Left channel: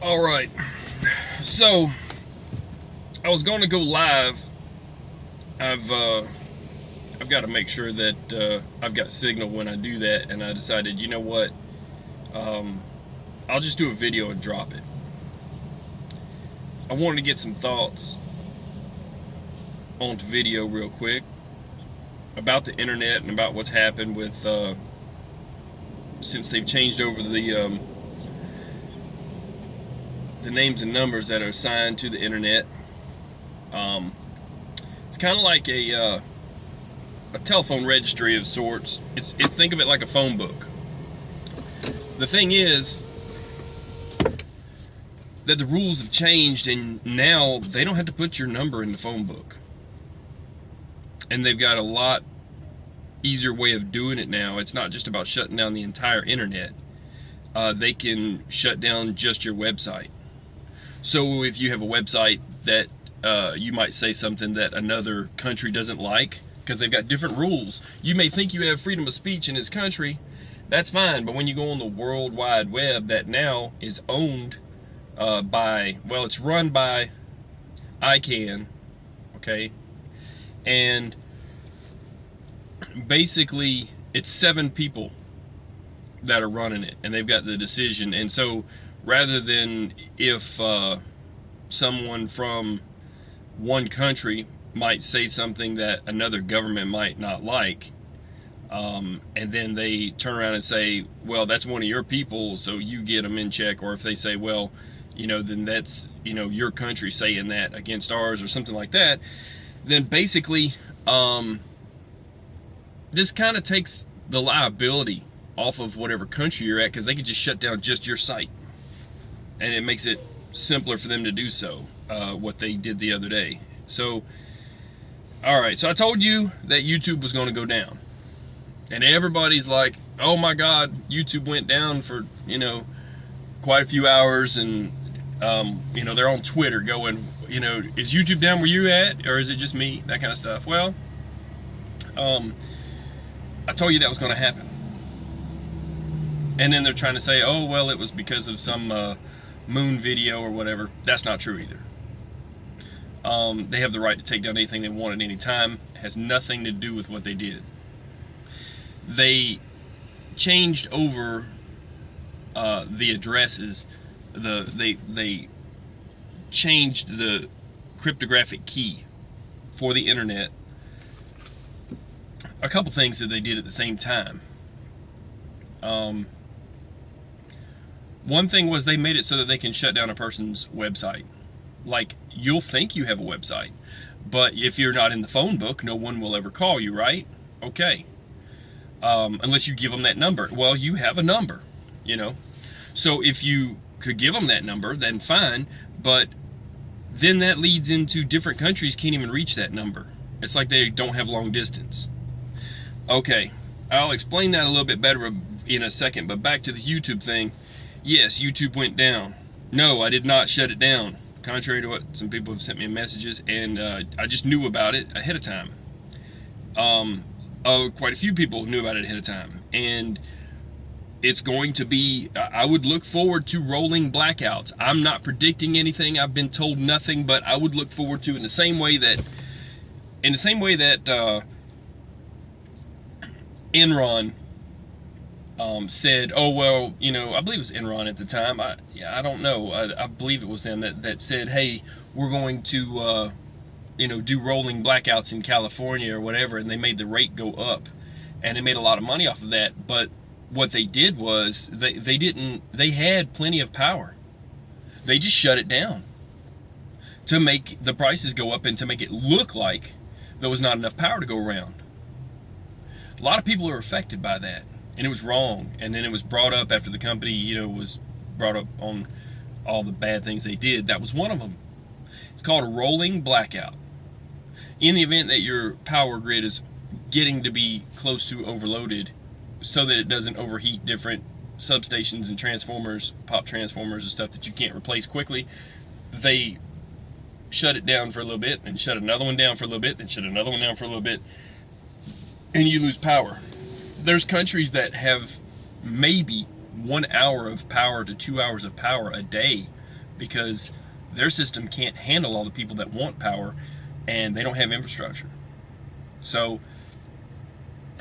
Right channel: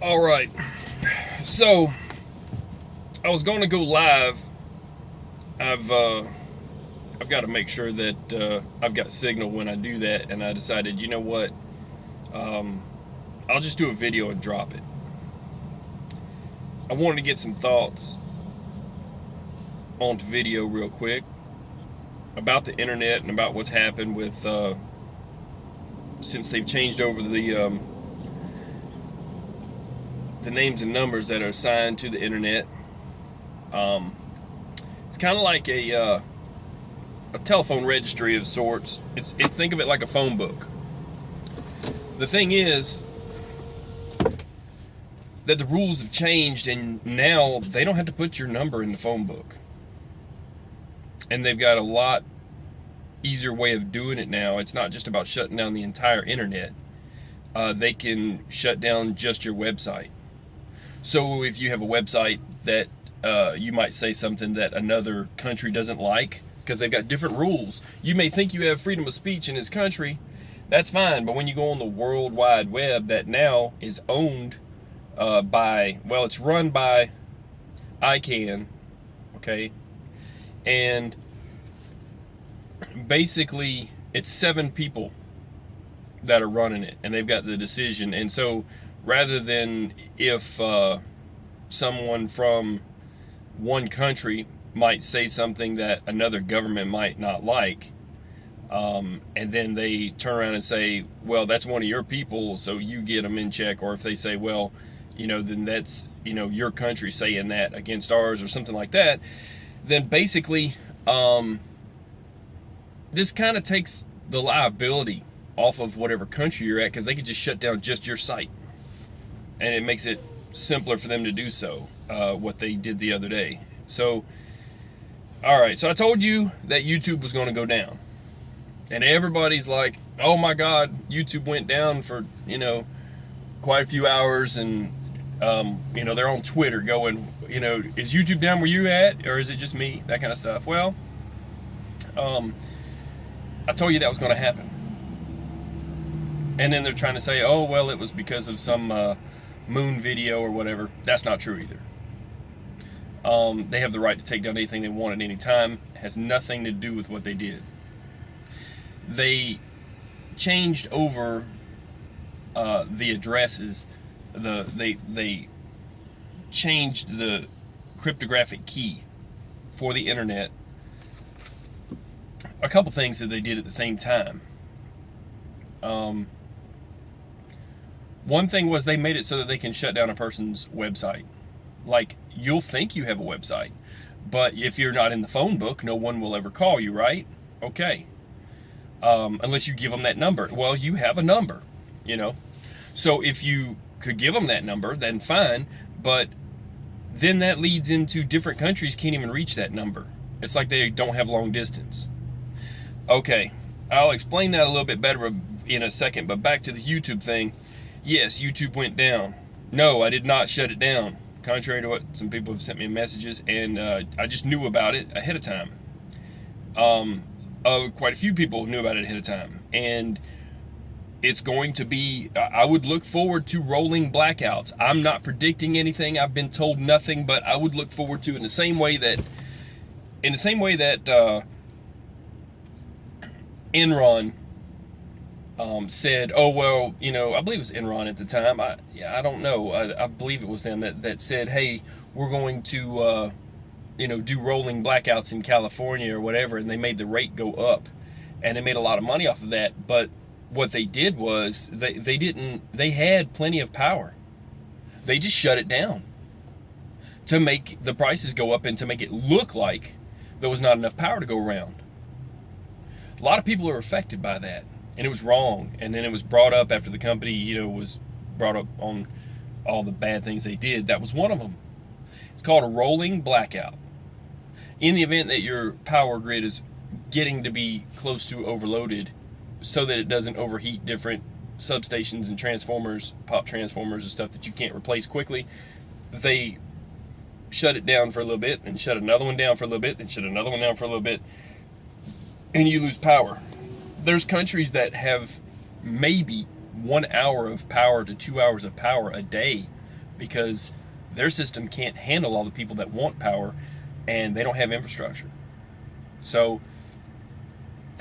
All right, so I was going to go live. I've got to make sure that I've got signal when I do that, and I decided, you know what, I'll just do a video and drop it. I wanted to get some thoughts onto video real quick about the internet and about what's happened with since they've changed over the names and numbers that are assigned to the internet. It's kind of like a telephone registry of sorts. Think of it like a phone book. The thing is that the rules have changed, and now they don't have to put your number in the phone book. And they've got a lot easier way of doing it now. It's not just about shutting down the entire internet. They can shut down just your website. So if you have a website that you might say something that another country doesn't like, because they've got different rules. You may think you have freedom of speech in this country, that's fine, but when you go on the World Wide Web that now is owned by, well, it's run by ICANN, okay, and basically it's 7 people that are running it, and they've got the decision. And so rather than if someone from one country might say something that another government might not like, and then they turn around and say, well, that's one of your people, so you get them in check. Or if they say, well, then that's, your country saying that against ours or something like that, then basically this kind of takes the liability off of whatever country you're at, because they can just shut down just your site. And it makes it simpler for them to do so, what they did the other day. So, all right, so I told you that YouTube was going to go down. And everybody's like, oh my God, YouTube went down for, quite a few hours. And, they're on Twitter going, is YouTube down where you at? Or is it just me? That kind of stuff. Well, I told you that was going to happen. And then they're trying to say, oh, well, it was because of some moon video or whatever. That's not true either. They have the right to take down anything they want at any time. It has nothing to do with what they did. They changed over the addresses. They changed the cryptographic key for the internet. A couple things that they did at the same time. One thing was they made it so that they can shut down a person's website. Like, you'll think you have a website, but if you're not in the phone book, no one will ever call you, right? Okay. Unless you give them that number. Well, you have a number, So if you could give them that number, then fine, but then that leads into different countries can't even reach that number. It's like they don't have long distance. Okay, I'll explain that a little bit better in a second, but back to the YouTube thing. Yes, YouTube went down. No, I did not shut it down, contrary to what some people have sent me messages, and I just knew about it ahead of time. Quite a few people knew about it ahead of time, and it's going to be, I would look forward to rolling blackouts. I'm not predicting anything. I've been told nothing, but I would look forward to it in the same way that Enron said, oh, well, I believe it was Enron at the time. I don't know. I believe it was them that said, hey, we're going to, do rolling blackouts in California or whatever, and they made the rate go up, and they made a lot of money off of that. But what they did was they had plenty of power. They just shut it down to make the prices go up and to make it look like there was not enough power to go around. A lot of people are affected by that, and it was wrong. And then it was brought up after the company, was brought up on all the bad things they did. That was one of them. It's called a rolling blackout. In the event that your power grid is getting to be close to overloaded, so that it doesn't overheat different substations and transformers, pop transformers and stuff that you can't replace quickly, they shut it down for a little bit, and shut another one down for a little bit, then shut another one down for a little bit, and you lose power. There's countries that have maybe 1 hour of power to 2 hours of power a day because their system can't handle all the people that want power, and they don't have infrastructure. So,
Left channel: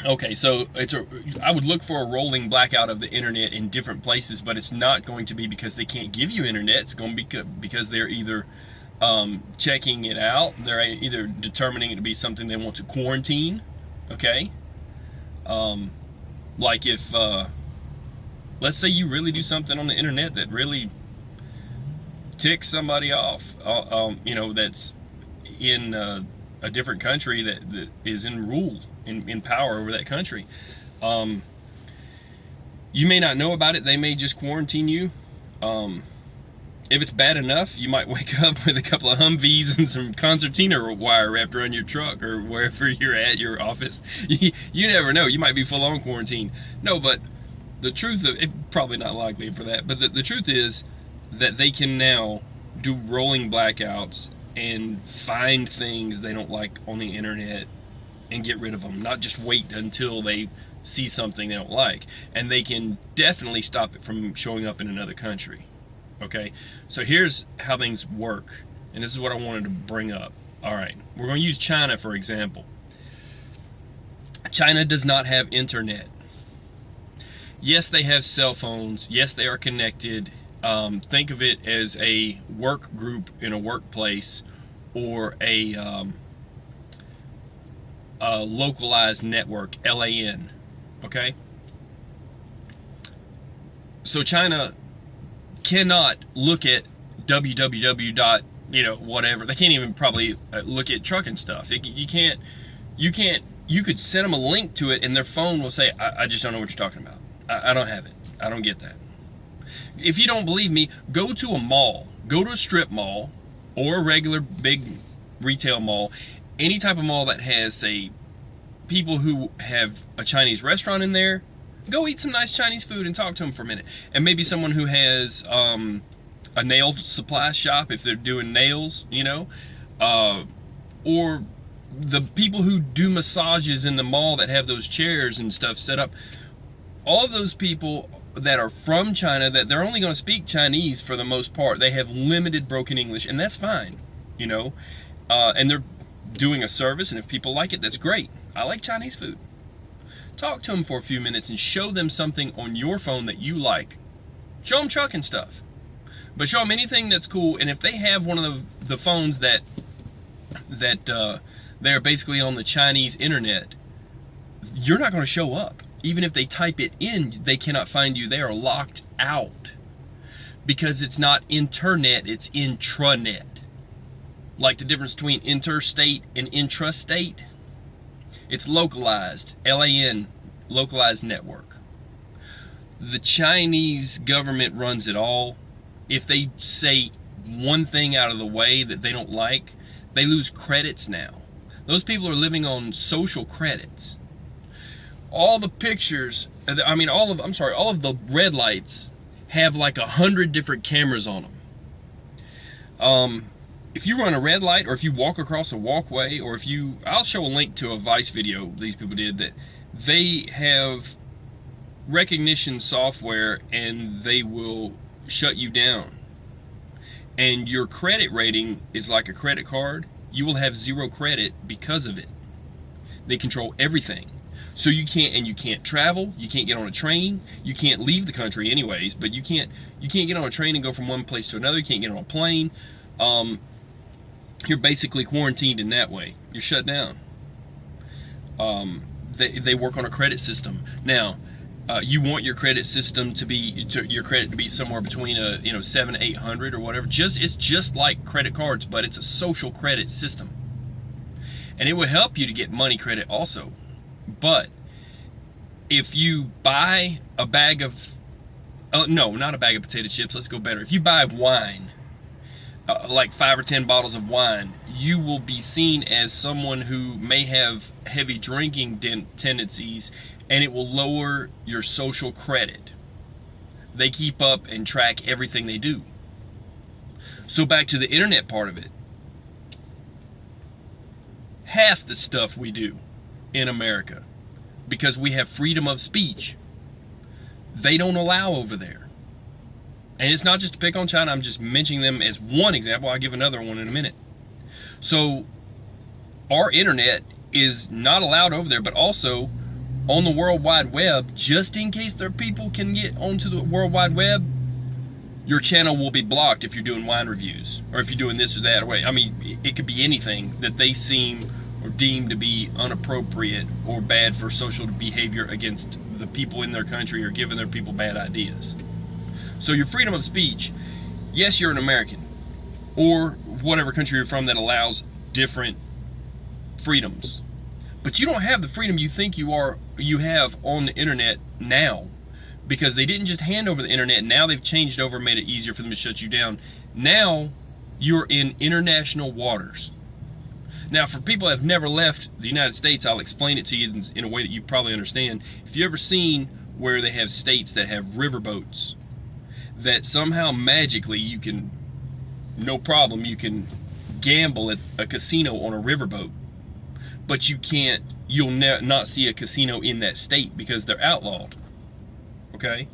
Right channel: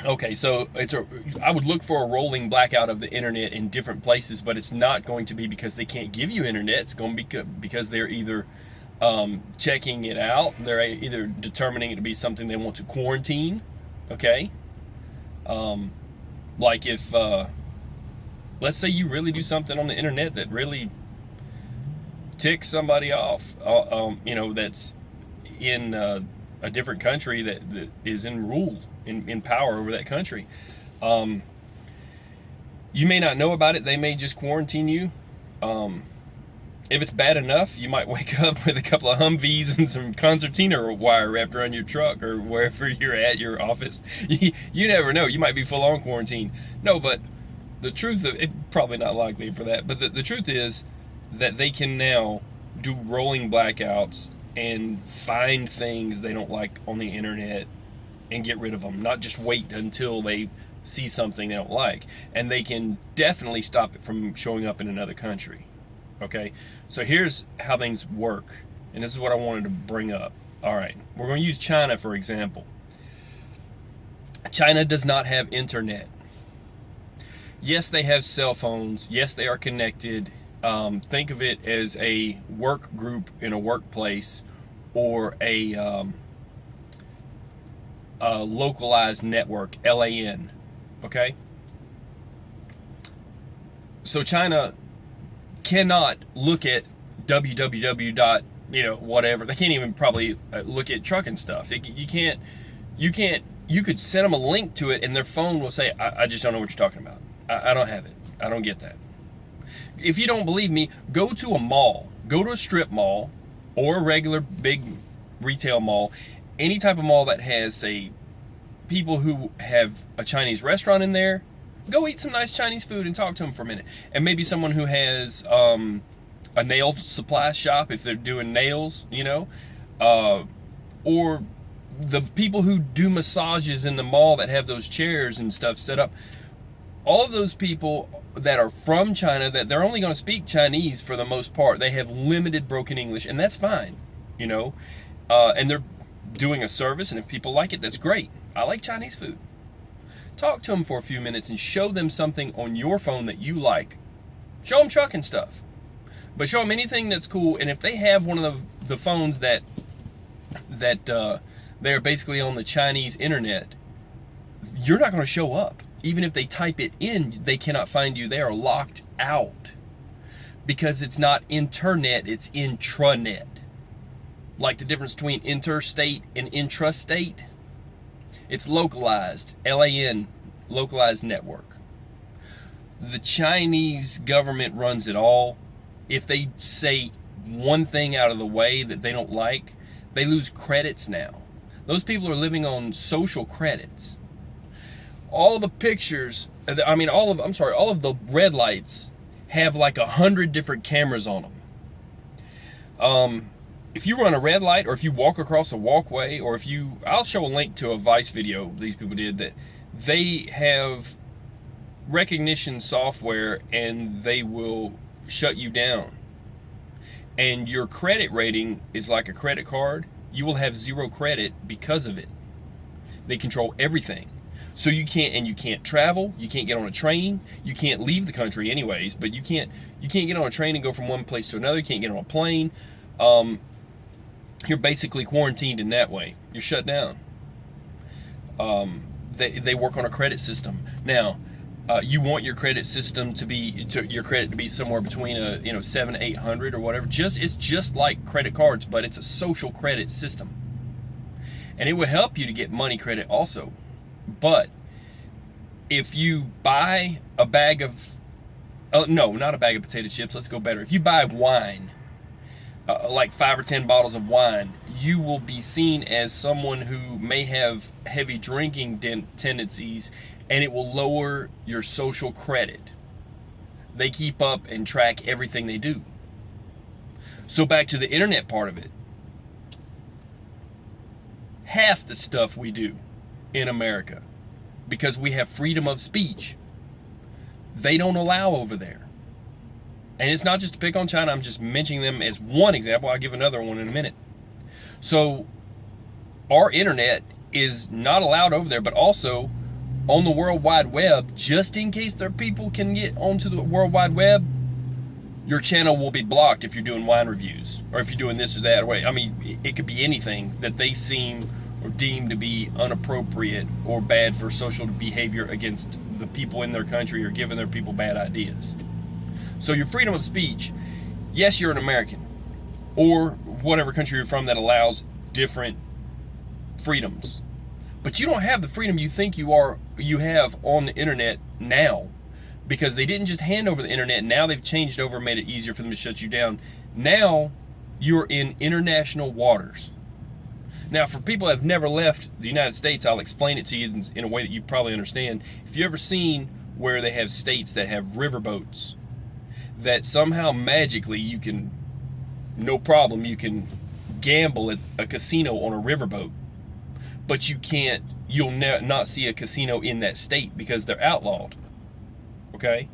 okay, so I would look for a rolling blackout of the internet in different places, but it's not going to be because they can't give you internet. It's going to be because they're either checking it out, they're either determining it to be something they want to quarantine, okay? Like if, let's say you really do something on the internet that really ticks somebody off, you know, that's in a different country that is in rule, in power over that country. You may not know about it. They may just quarantine you. If it's bad enough, you might wake up with a couple of Humvees and some concertina wire wrapped around your truck or wherever you're at, your office. You never know. You might be full on quarantine. No, but the truth of it, probably not likely for that, but the truth is that they can now do rolling blackouts and find things they don't like on the internet and get rid of them, not just wait until they see something they don't like. And they can definitely stop it from showing up in another country. Okay, so here's how things work, and this is what I wanted to bring up. All right, we're going to use China for example. China does not have internet. Yes, they have cell phones. Yes, they are connected. Think of it as a work group in a workplace, or a localized network, LAN. Okay, so China cannot look at www. You know, whatever. They can't even probably look at trucking stuff. You can't. You could send them a link to it, and their phone will say, "I just don't know what you're talking about. I don't have it. I don't get that." If you don't believe me, go to a mall. Go to a strip mall or a regular big retail mall. Any type of mall that has, say, people who have a Chinese restaurant in there. Go eat some nice Chinese food and talk to them for a minute. And maybe someone who has a nail supply shop, if they're doing nails, you know, or the people who do massages in the mall that have those chairs and stuff set up. All of those people that are from China, that they're only going to speak Chinese for the most part. They have limited broken English, and that's fine, you know, and they're doing a service, and if people like it, that's great. I like Chinese food. Talk to them for a few minutes and show them something on your phone that you like. Show them trucking stuff, but show them anything that's cool. And if they have one of the phones that they're basically on the Chinese internet, you're not going to show up. Even if they type it in, they cannot find you. They are locked out because it's not internet, it's intranet. Like the difference between interstate and intrastate. It's localized, LAN, localized network. The Chinese government runs it all. If they say one thing out of the way that they don't like, they lose credits now. Those people are living on social credits. All the pictures, all of the red lights have like 100 different cameras on them. If you run a red light, or if you walk across a walkway, or I'll show a link to a Vice video these people did, that they have recognition software and they will shut you down. And your credit rating is like a credit card. You will have 0 credit because of it. They control everything. So you can't travel, you can't get on a train, you can't leave the country anyways, but you can't get on a train and go from one place to another, you can't get on a plane. You're basically quarantined in that way. You're shut down. They work on a credit system. Now, you want your credit system to be somewhere between 700, 800 or whatever. It's just like credit cards, but it's a social credit system, and it will help you to get money credit also. But if you buy a bag of, no, not a bag of potato chips, let's go better. If you buy wine, like 5 or 10 bottles of wine, you will be seen as someone who may have heavy drinking tendencies, and it will lower your social credit. They keep up and track everything they do. So back to the internet part of it. Half the stuff we do in America, because we have freedom of speech, they don't allow over there. And it's not just to pick on China, I'm just mentioning them as one example. I'll give another one in a minute. So our internet is not allowed over there, but also on the World Wide Web, just in case their people can get onto the World Wide Web, your channel will be blocked if you're doing wine reviews, or if you're doing this or that. I mean, it could be anything that they seem or deem to be inappropriate or bad for social behavior against the people in their country, or giving their people bad ideas. So your freedom of speech, yes, you're an American, or whatever country you're from that allows different freedoms, but you don't have the freedom you think you have on the internet now, because they didn't just hand over the internet. Now they've changed over, made it easier for them to shut you down. Now you're in international waters. Now, for people that have never left the United States, I'll explain it to you in a way that you probably understand. If you've ever seen where they have states that have riverboats, that somehow magically you can, no problem, you can gamble at a casino on a riverboat, but you'll not see a casino in that state because they're outlawed. Okay?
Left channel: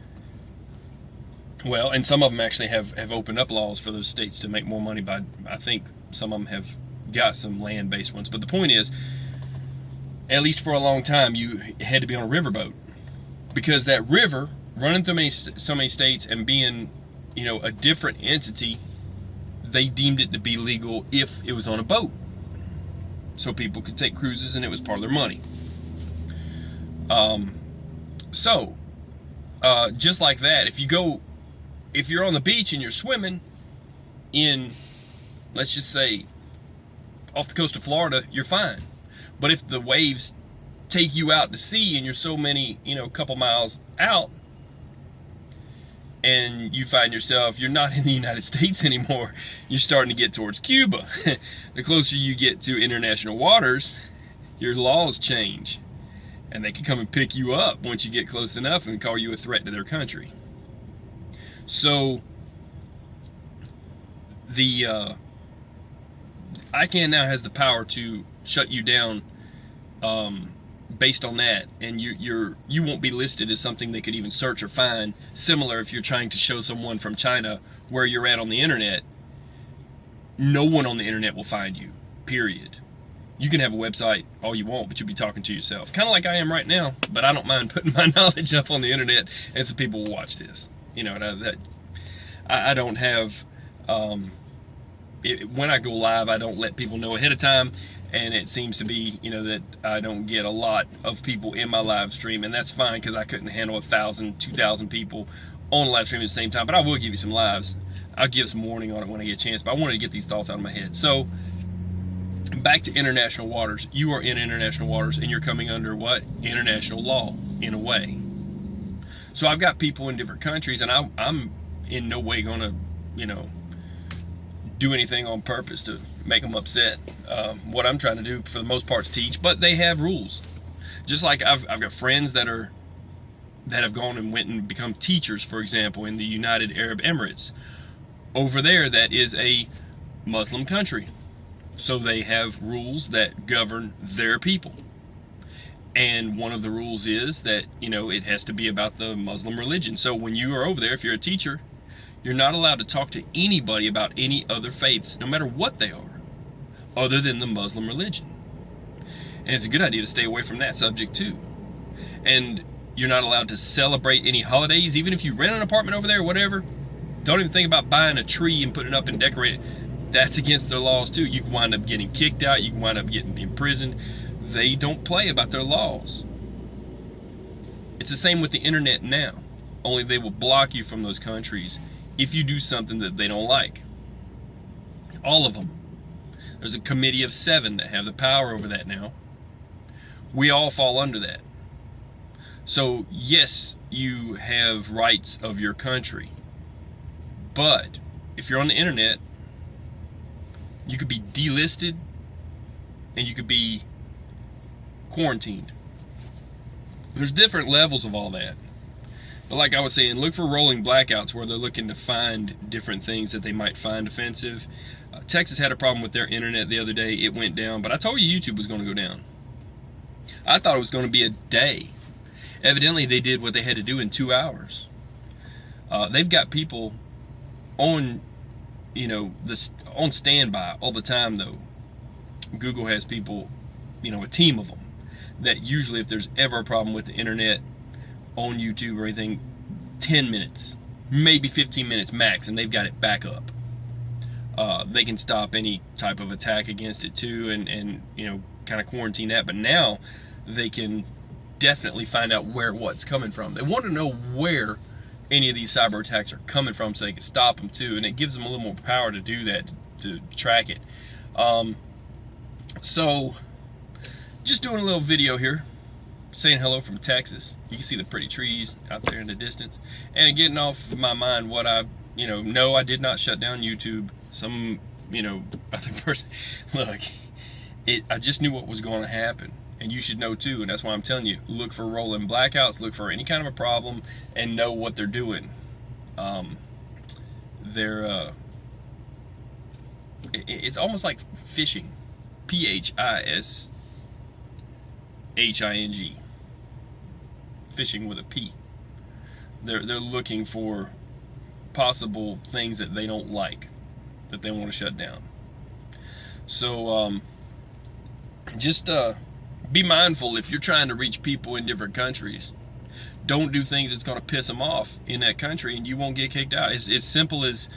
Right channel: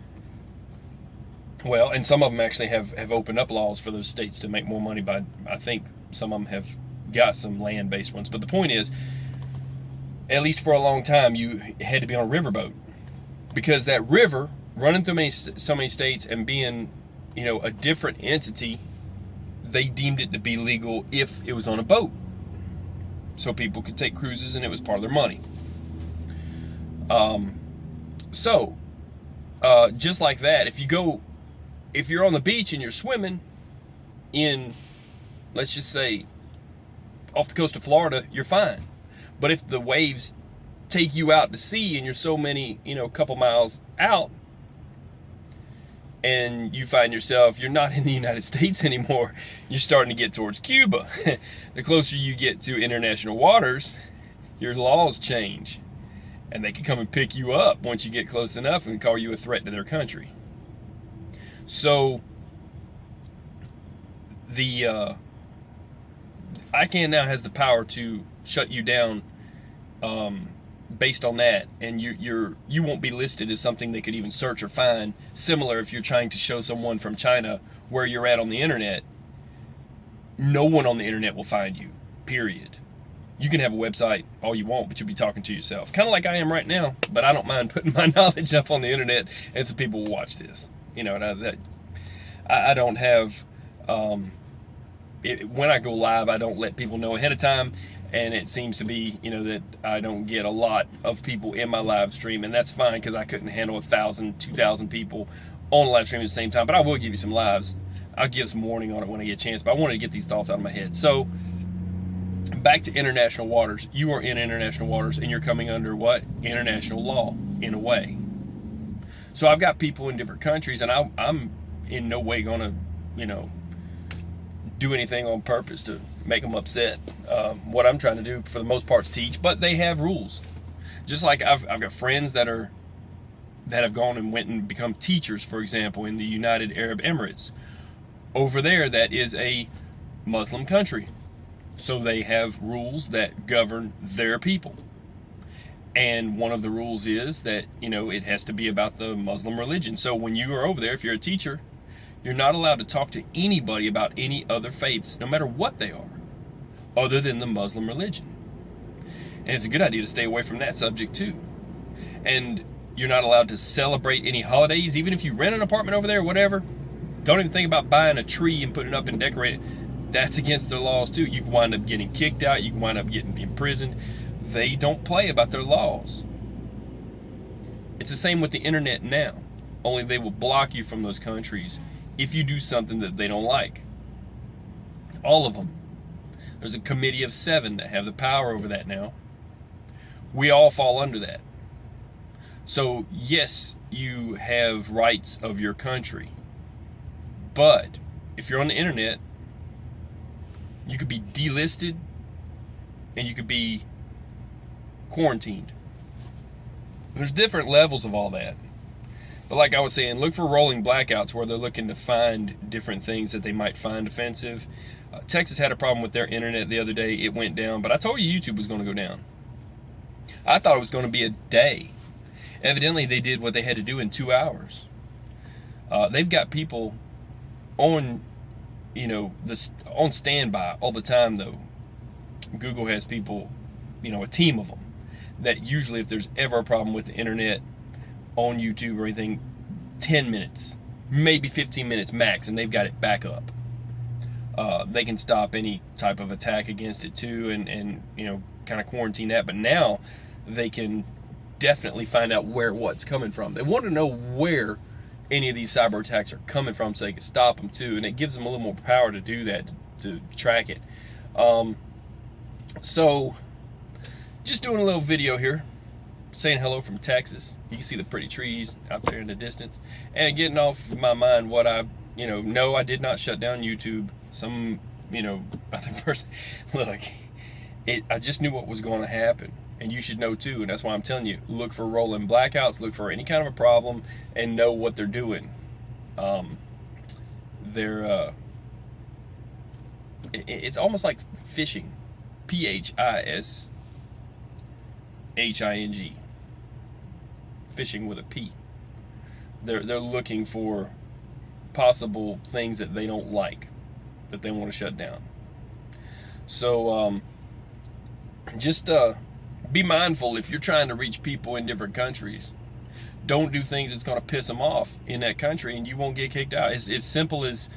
Well, and some of them actually have opened up laws for those states to make more money by, I think some of them have got some land-based ones. But the point is, at least for a long time, you had to be on a riverboat, because that river running through so many states and being, a different entity, they deemed it to be legal if it was on a boat. So people could take cruises and it was part of their money. Just like that, if you're on the beach and you're swimming in, let's just say, off the coast of Florida, you're fine. But if the waves take you out to sea and you're so many, couple miles out, and you find yourself, you're not in the United States anymore, you're starting to get towards Cuba. The closer you get to international waters, your laws change. And they can come and pick you up once you get close enough and call you a threat to their country. So, the ICANN now has the power to shut you down based on that, and you won't be listed as something they could even search or find. Similar, if you're trying to show someone from China where you're at on the internet, no one on the internet will find you, period. You can have a website all you want, but you'll be talking to yourself, kind of like I am right now. But I don't mind putting my knowledge up on the internet, and some people will watch this. I don't have when I go live, I don't let people know ahead of time, and it seems to be, that I don't get a lot of people in my live stream, and that's fine, because I couldn't handle 1,000, 2,000 people on live stream at the same time. But I will give you some lives. I'll give some warning on it when I get a chance, but I wanted to get these thoughts out of my head. So, back to international waters. You are in international waters, and you're coming under what? International law, in a way. So I've got people in different countries, and I'm in no way gonna, do anything on purpose to make them upset. What I'm trying to do, for the most part, is teach, but they have rules. Just like I've got friends that have gone and went and become teachers, for example, in the United Arab Emirates. Over there, that is a Muslim country. So they have rules that govern their people. And one of the rules is that, it has to be about the Muslim religion. So when you are over there, if you're a teacher, you're not allowed to talk to anybody about any other faiths, no matter what they are, other than the Muslim religion. And it's a good idea to stay away from that subject too. And you're not allowed to celebrate any holidays, even if you rent an apartment over there or whatever. Don't even think about buying a tree and putting it up and decorating it. That's against their laws too. You can wind up getting kicked out. You can wind up getting imprisoned. They don't play about their laws. It's the same with the internet now. Only they will block you from those countries if you do something that they don't like. All of them. There's a committee of 7 that have the power over that now. We all fall under that. So yes, you have rights of your country. But if you're on the internet, you could be delisted and you could be quarantined. There's different levels of all that. But like I was saying, look for rolling blackouts where they're looking to find different things that they might find offensive. Texas had a problem with their internet the other day. It went down, but I told you YouTube was going to go down. I thought it was going to be a day. Evidently, they did what they had to do in 2 hours. They've got people on, you know, this on standby all the time though. Google has people, you know, a team of them that usually, if there's ever a problem with the internet on YouTube or anything, 10 minutes, maybe 15 minutes max, and they've got it back up. They can stop any type of attack against it too, and you know, kind of quarantine that. But now they can definitely find out where what's coming from. They want to know where any of these cyber attacks are coming from so they can stop them too, and it gives them a little more power to do that, to track it. So just doing a little video here, saying hello from Texas. You can see the pretty trees out there in the distance, and getting off my mind what I, you know, no, I did not shut down YouTube. Some, you know, other person, look, I just knew what was going to happen, and you should know too, and that's why I'm telling you, look for rolling blackouts, look for any kind of a problem, and know what they're doing. It's almost like phishing, P-H-I-S-H-I-N-G, phishing with a P. They're looking for possible things that they don't like, that they want to shut down. So just be mindful if you're trying to reach people in different countries. Don't do things that's going to piss them off in that country, and you won't get kicked out. It's as simple as,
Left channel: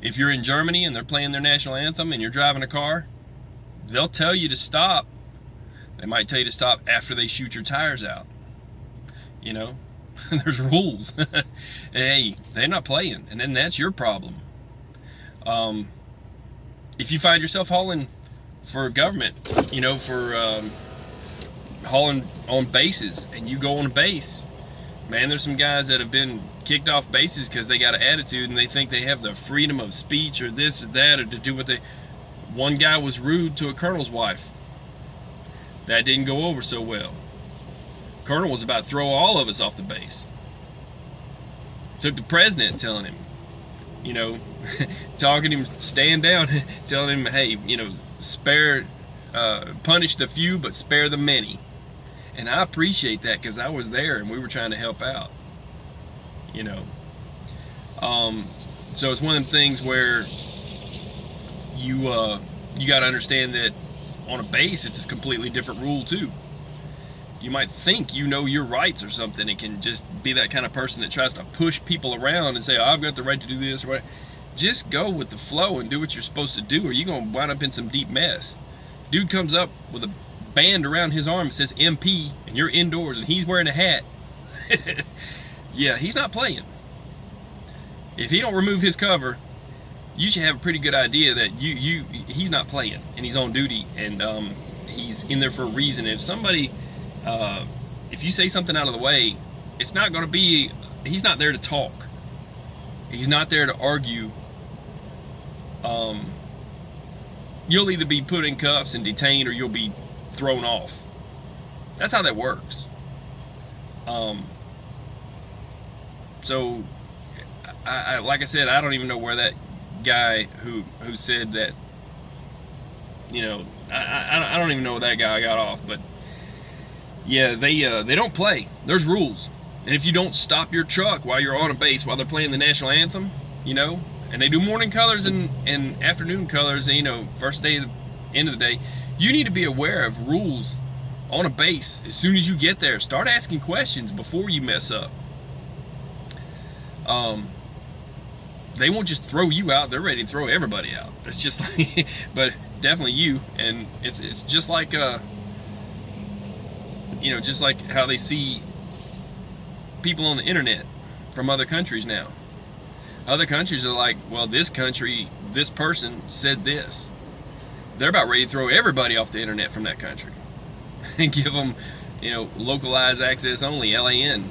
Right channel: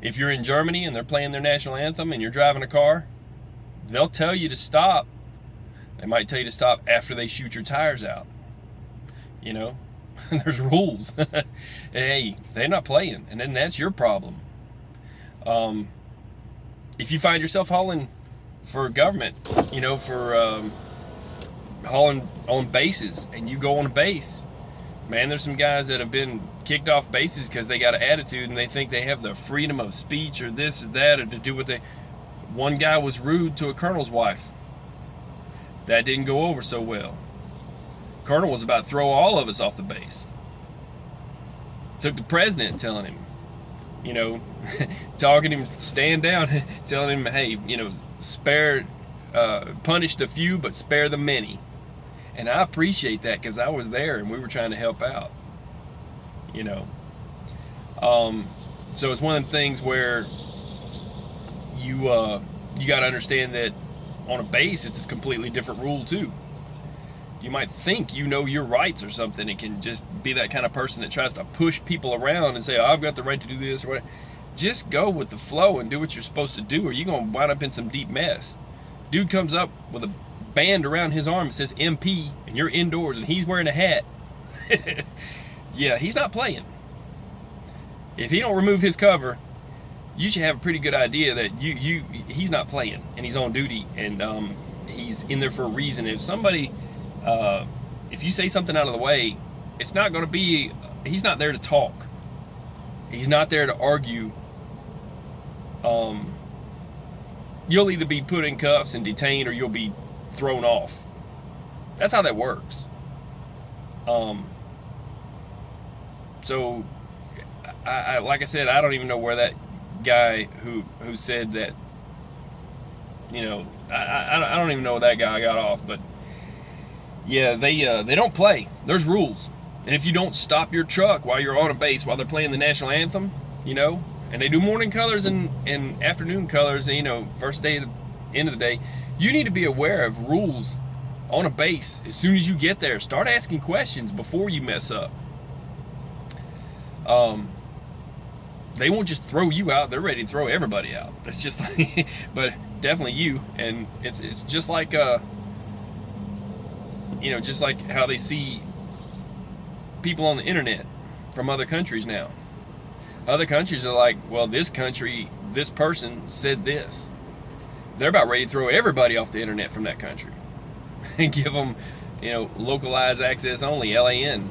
if you're in Germany and they're playing their national anthem and you're driving a car, they'll tell you to stop. They might tell you to stop after they shoot your tires out. You know, there's rules. Hey, they're not playing, and then that's your problem. If you find yourself hauling for government, you know, for hauling on bases, and you go on a base, man, there's some guys that have been kicked off bases because they got an attitude and they think they have the freedom of speech or this or that, or to do what they... One guy was rude to a colonel's wife. That didn't go over so well. Colonel was about to throw all of us off the base. Took the president telling him, you know, talking him, stand down, telling him, hey, you know, punish the few, but spare the many. And I appreciate that, because I was there and we were trying to help out, you know. So it's one of the things where you got to understand that on a base, it's a completely different rule too. You might think you know your rights or something. It can just be that kind of person that tries to push people around and say, oh, I've got the right to do this or what. Just go with the flow and do what you're supposed to do, or you're going to wind up in some deep mess. Dude comes up with a band around his arm that says MP, and you're indoors and he's wearing a hat. Yeah, he's not playing. If he don't remove his cover, you should have a pretty good idea that he's not playing, and he's on duty, and he's in there for a reason. If somebody, if you say something out of the way, it's not going to be, he's not there to talk. He's not there to argue. You'll either be put in cuffs and detained, or you'll be thrown off. That's how that works. So I like I said, I don't even know where that guy who said that, you know, I don't even know where that guy got off. But yeah, they don't play. There's rules, and if you don't stop your truck while you're on a base while they're playing the national anthem, you know, and they do morning colors and afternoon colors, you know, first day, end of the day, you need to be aware of rules on a base. As soon as you get there, start asking questions before you mess up. They won't just throw you out, they're ready to throw everybody out. It's just like, but definitely you. And it's just like, you know, just like how they see people on the internet from other countries now. Other countries are like, well, this country, this person said this. They're about ready to throw everybody off the internet from that country and give them, you know, localized access only, LAN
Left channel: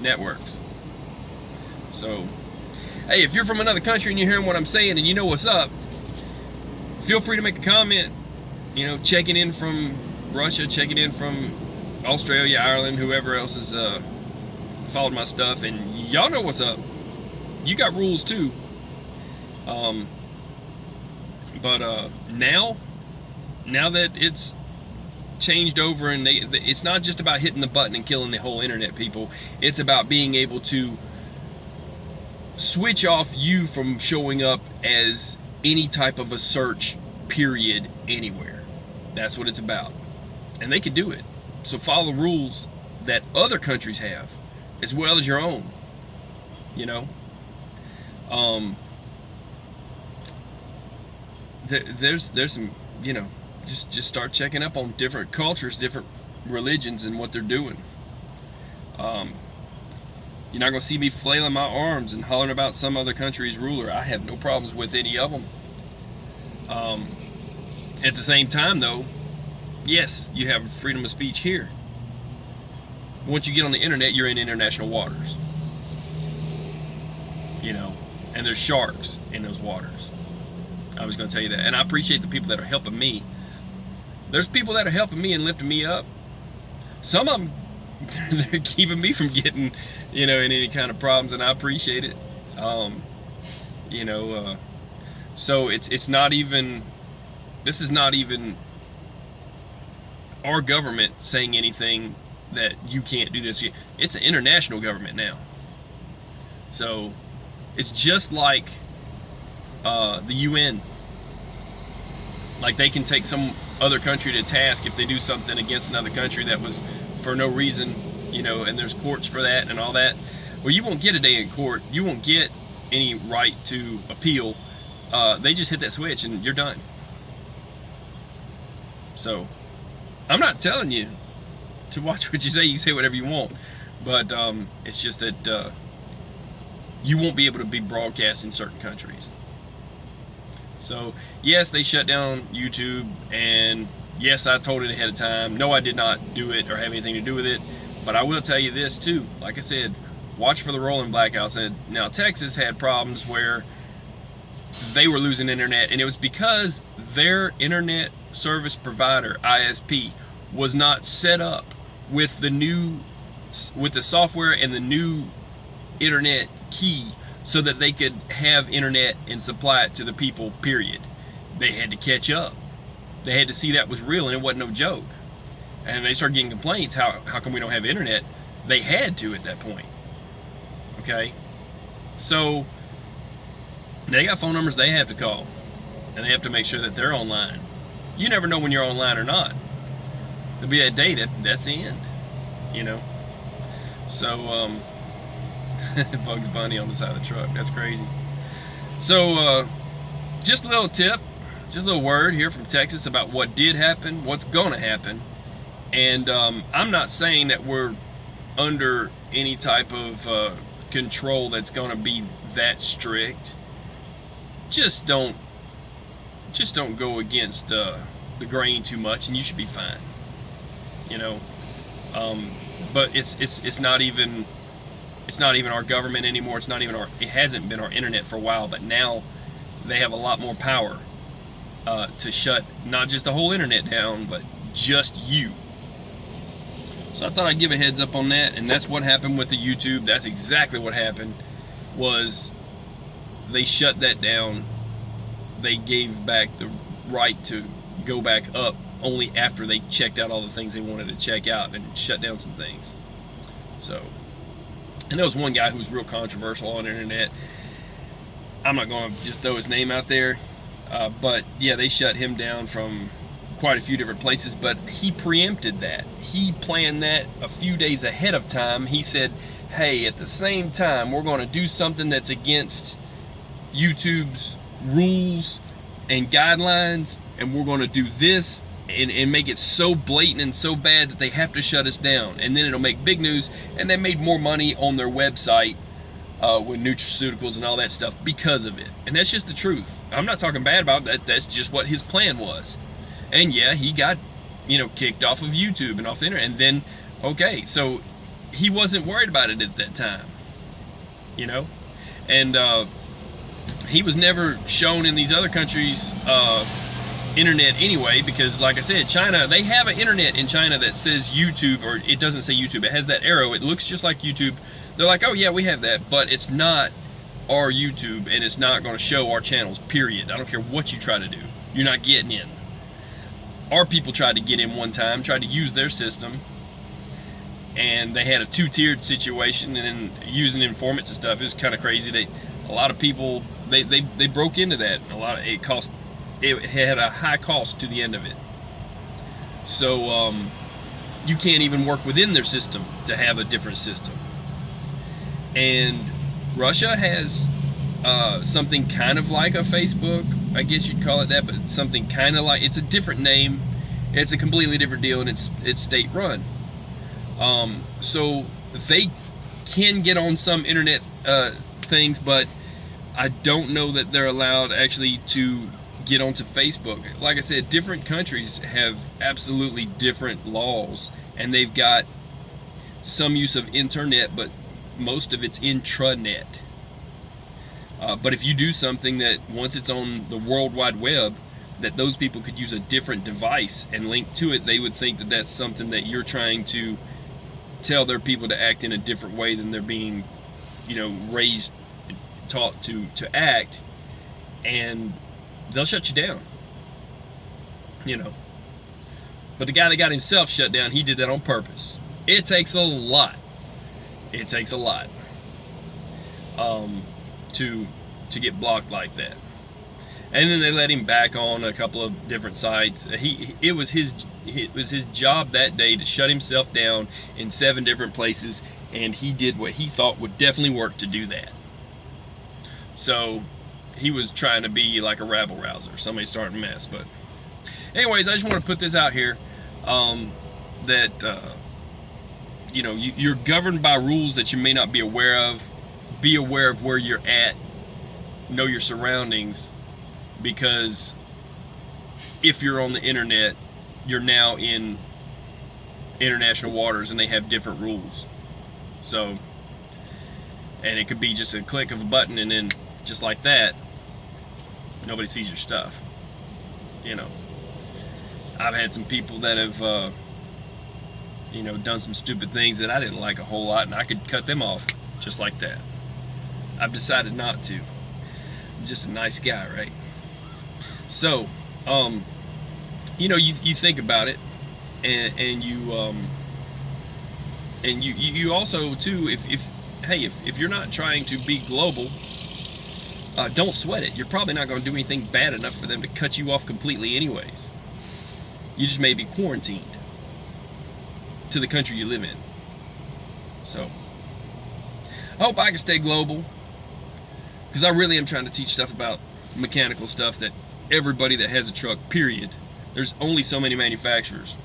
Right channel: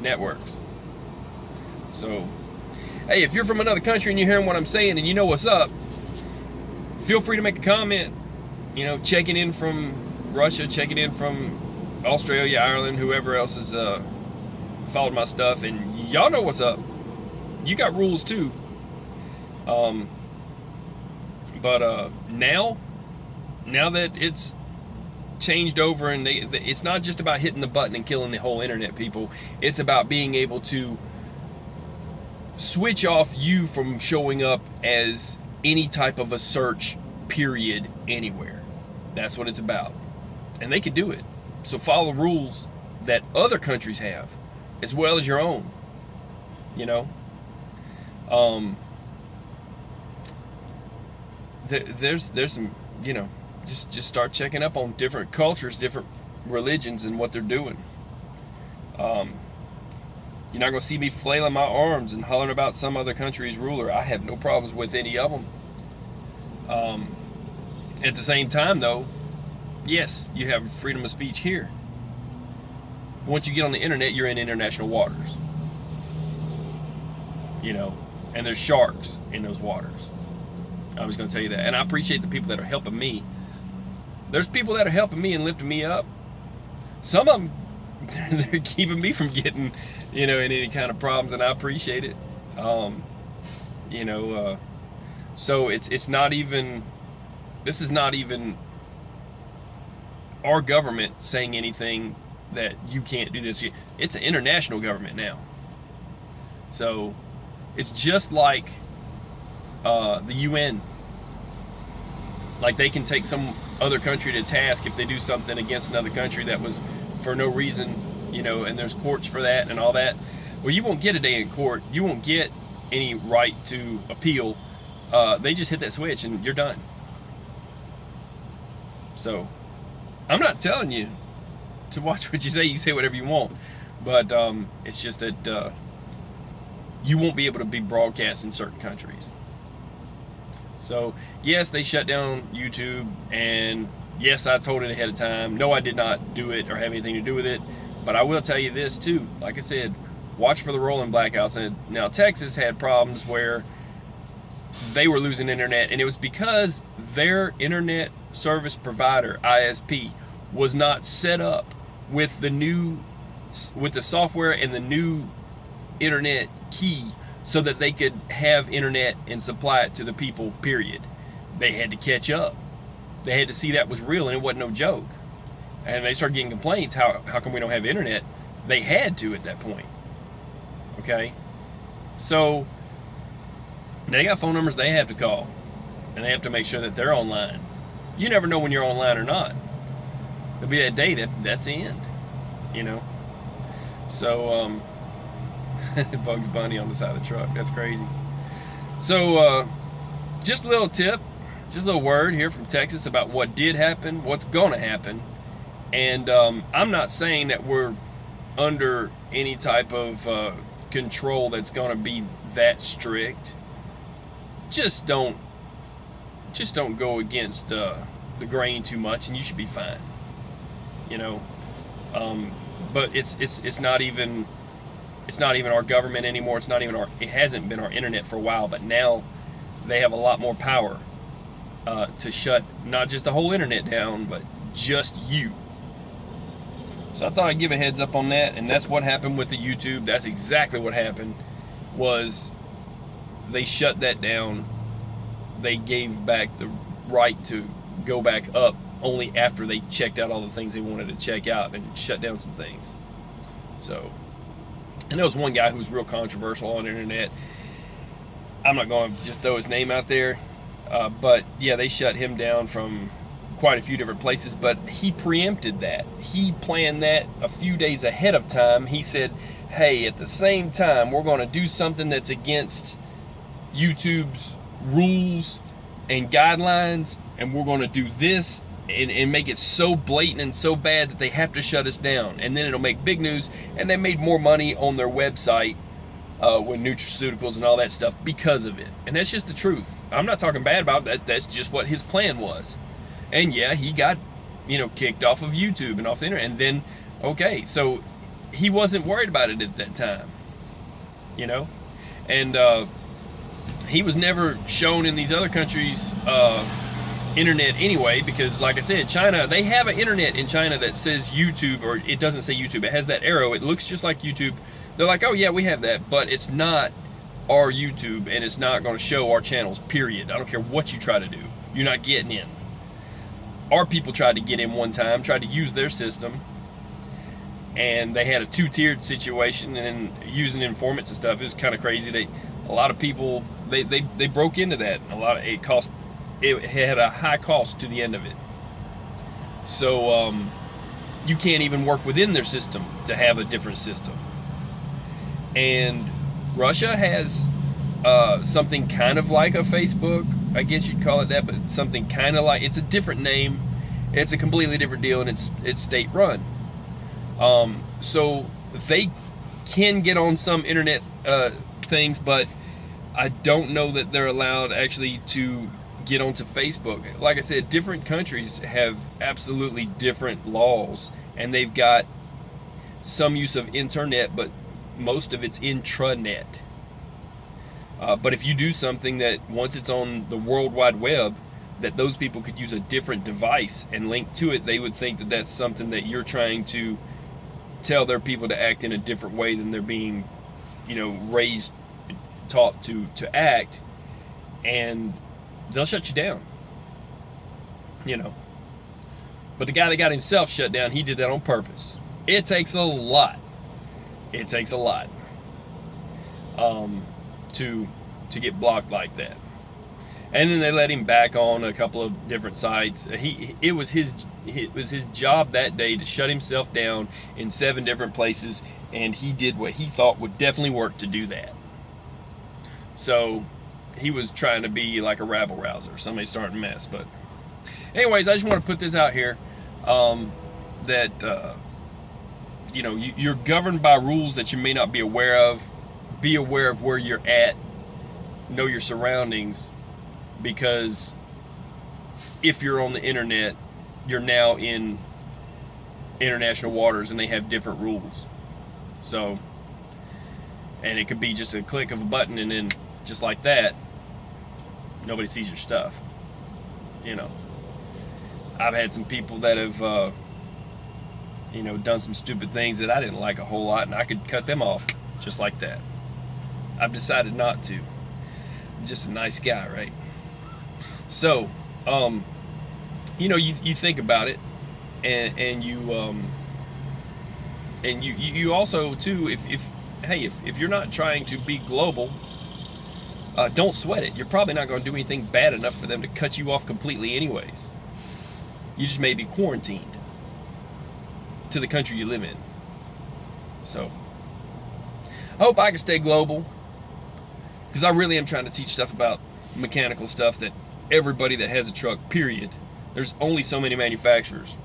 networks. So, hey, if you're from another country and you're hearing what I'm saying and you know what's up, feel free to make a comment. You know, checking in from Russia, checking in from Australia, Ireland, whoever else has followed my stuff, and y'all know what's up. You got rules too. But now that it's changed over, and it's not just about hitting the button and killing the whole internet, people. It's about being able to switch off you from showing up as any type of a search, period, anywhere. That's what it's about. And they can do it. So follow the rules that other countries have, as well as your own. You know? There's some, you know, just start checking up on different cultures, different religions, and what they're doing. You're not going to see me flailing my arms and hollering about some other country's ruler. I have no problems with any of them. At the same time, though, yes, you have freedom of speech here. Once you get on the internet, you're in international waters. You know, and there's sharks in those waters. I was going to tell you that. And I appreciate the people that are helping me. There's people that are helping me and lifting me up. Some of them, they're keeping me from getting, you know, in any kind of problems, and I appreciate it. You know, so it's not even, this is not even our government saying anything that you can't do this. It's an international government now. So it's just like the UN. Like, they can take some other country to task if they do something against another country that was for no reason, you know, and there's courts for that and all that. Well, you won't get a day in court. You won't get any right to appeal. They just hit that switch and you're done. So I'm not telling you to watch what you say. You say whatever you want, but it's just that you won't be able to be broadcast in certain countries. So yes, they shut down YouTube, and yes, I told it ahead of time. No, I did not do it or have anything to do with it, but I will tell you this too. Like I said, watch for the rolling blackouts. And now Texas had problems where they were losing internet, and it was because their internet service provider, ISP, was not set up with the software and the new internet key so that they could have internet and supply it to the people, period. They had to catch up. They had to see that was real and it wasn't no joke. And they started getting complaints, how come we don't have internet? They had to at that point. Okay? So they got phone numbers they have to call, and they have to make sure that they're online. You never know when you're online or not. There'll be that day that's the end, you know? So, Bugs Bunny on the side of the truck. That's crazy. So, just a little tip, just a little word here from Texas about what did happen, what's going to happen. And I'm not saying that we're under any type of control that's going to be that strict. Just don't go against the grain too much, and you should be fine. You know, but it's not even our government anymore. It hasn't been our internet for a while, but now they have a lot more power to shut not just the whole internet down, but just you. So I thought I'd give a heads up on that, and that's what happened with the YouTube. That's exactly what happened. Was they shut that down. They gave back the right to go back up only after they checked out all the things they wanted to check out and shut down some things. So, and there was one guy who was real controversial on the internet. I'm not going to just throw his name out there, but yeah, they shut him down from quite a few different places, but he preempted that. He planned that a few days ahead of time. He said, hey, at the same time, we're going to do something that's against YouTube's rules and guidelines, and we're going to do this and make it so blatant and so bad that they have to shut us down, and then it'll make big news. And they made more money on their website with nutraceuticals and all that stuff because of it. And that's just the truth. I'm not talking bad about that. That's just what his plan was. And yeah, he got, you know, kicked off of YouTube and off the internet. And then, okay, so he wasn't worried about it at that time, you know. And he was never shown in these other countries internet anyway, because like I said, China, they have an internet in China that says YouTube, or it doesn't say YouTube, it has that arrow, it looks just like YouTube. They're like, oh yeah, we have that, but it's not our YouTube, and it's not going to show our channels, period. I don't care what you try to do, you're not getting in. Our people tried to get in one time, tried to use their system, and they had a two-tiered situation, and then using informants and stuff. It was kind of crazy. A lot of people, they broke into that. It had a high cost to the end of it. So you can't even work within their system to have a different system. And Russia has something kind of like a Facebook, I guess you'd call it that, but something kind of like, it's a different name, it's a completely different deal, and it's state run. So they can get on some internet things, but I don't know that they're allowed actually to get onto Facebook. Like I said, different countries have absolutely different laws, and they've got some use of internet, but most of it's intranet. But if you do something that once it's on the World Wide Web, that those people could use a different device and link to it, they would think that that's something that you're trying to tell their people to act in a different way than they're being, raised, taught to act, and they'll shut you down. But the guy that got himself shut down, he did that on purpose. It takes a lot. It takes a lot to get blocked like that. And then they let him back on a couple of different sites. It was his job that day to shut himself down in 7 different places, and he did what he thought would definitely work to do that. So he was trying to be like a rabble rouser, somebody starting a mess. But anyways, I just want to put this out here, that you're governed by rules that you may not be aware of. Be aware of where you're at, know your surroundings, because if you're on the internet, you're now in international waters and they have different rules. So, and it could be just a click of a button, and then just like that, nobody sees your stuff. I've had some people that have done some stupid things that I didn't like a whole lot, and I could cut them off just like that. I've decided not to. I'm just a nice guy, right? So, you think about it, and you also too, if you're not trying to be global, don't sweat it. You're probably not going to do anything bad enough for them to cut you off completely anyways. You just may be quarantined to the country you live in. So, I hope I can stay global, because I really am trying to teach stuff about mechanical stuff that everybody that has a truck, period, there's only so many manufacturers,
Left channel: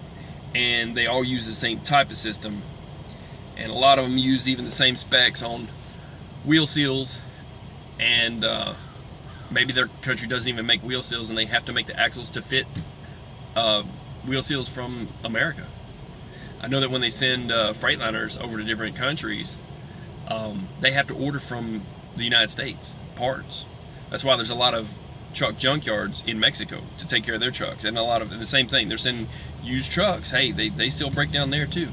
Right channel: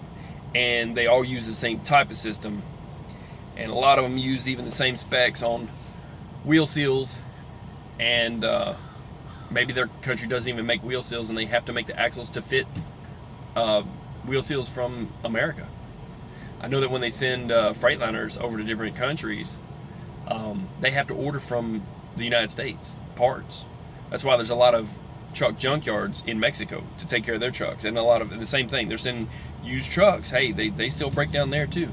and they all use the same type of system, and a lot of them use even the same specs on wheel seals, and maybe their country doesn't even make wheel seals, and they have to make the axles to fit wheel seals from America. I know that when they send Freightliners over to different countries, they have to order from the United States parts. That's why there's a lot of truck junkyards in Mexico to take care of their trucks, and a lot of the same thing. They're sending used trucks. Hey, they still break down there too.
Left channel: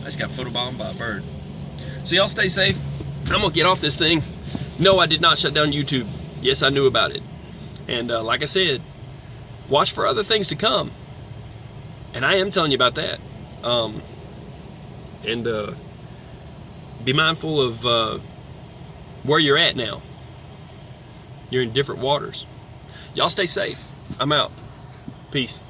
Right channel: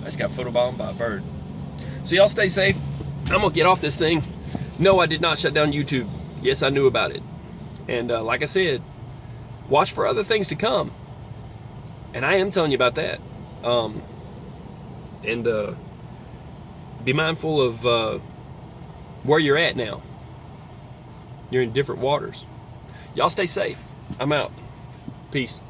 I just got photobombed by a bird. So y'all stay safe. I'm gonna get off this thing. No, I did not shut down YouTube. Yes, I knew about it, and like I said, watch for other things to come, and I am telling you about that. And be mindful of where you're at now. You're in different waters. Y'all stay safe. I'm out. Peace.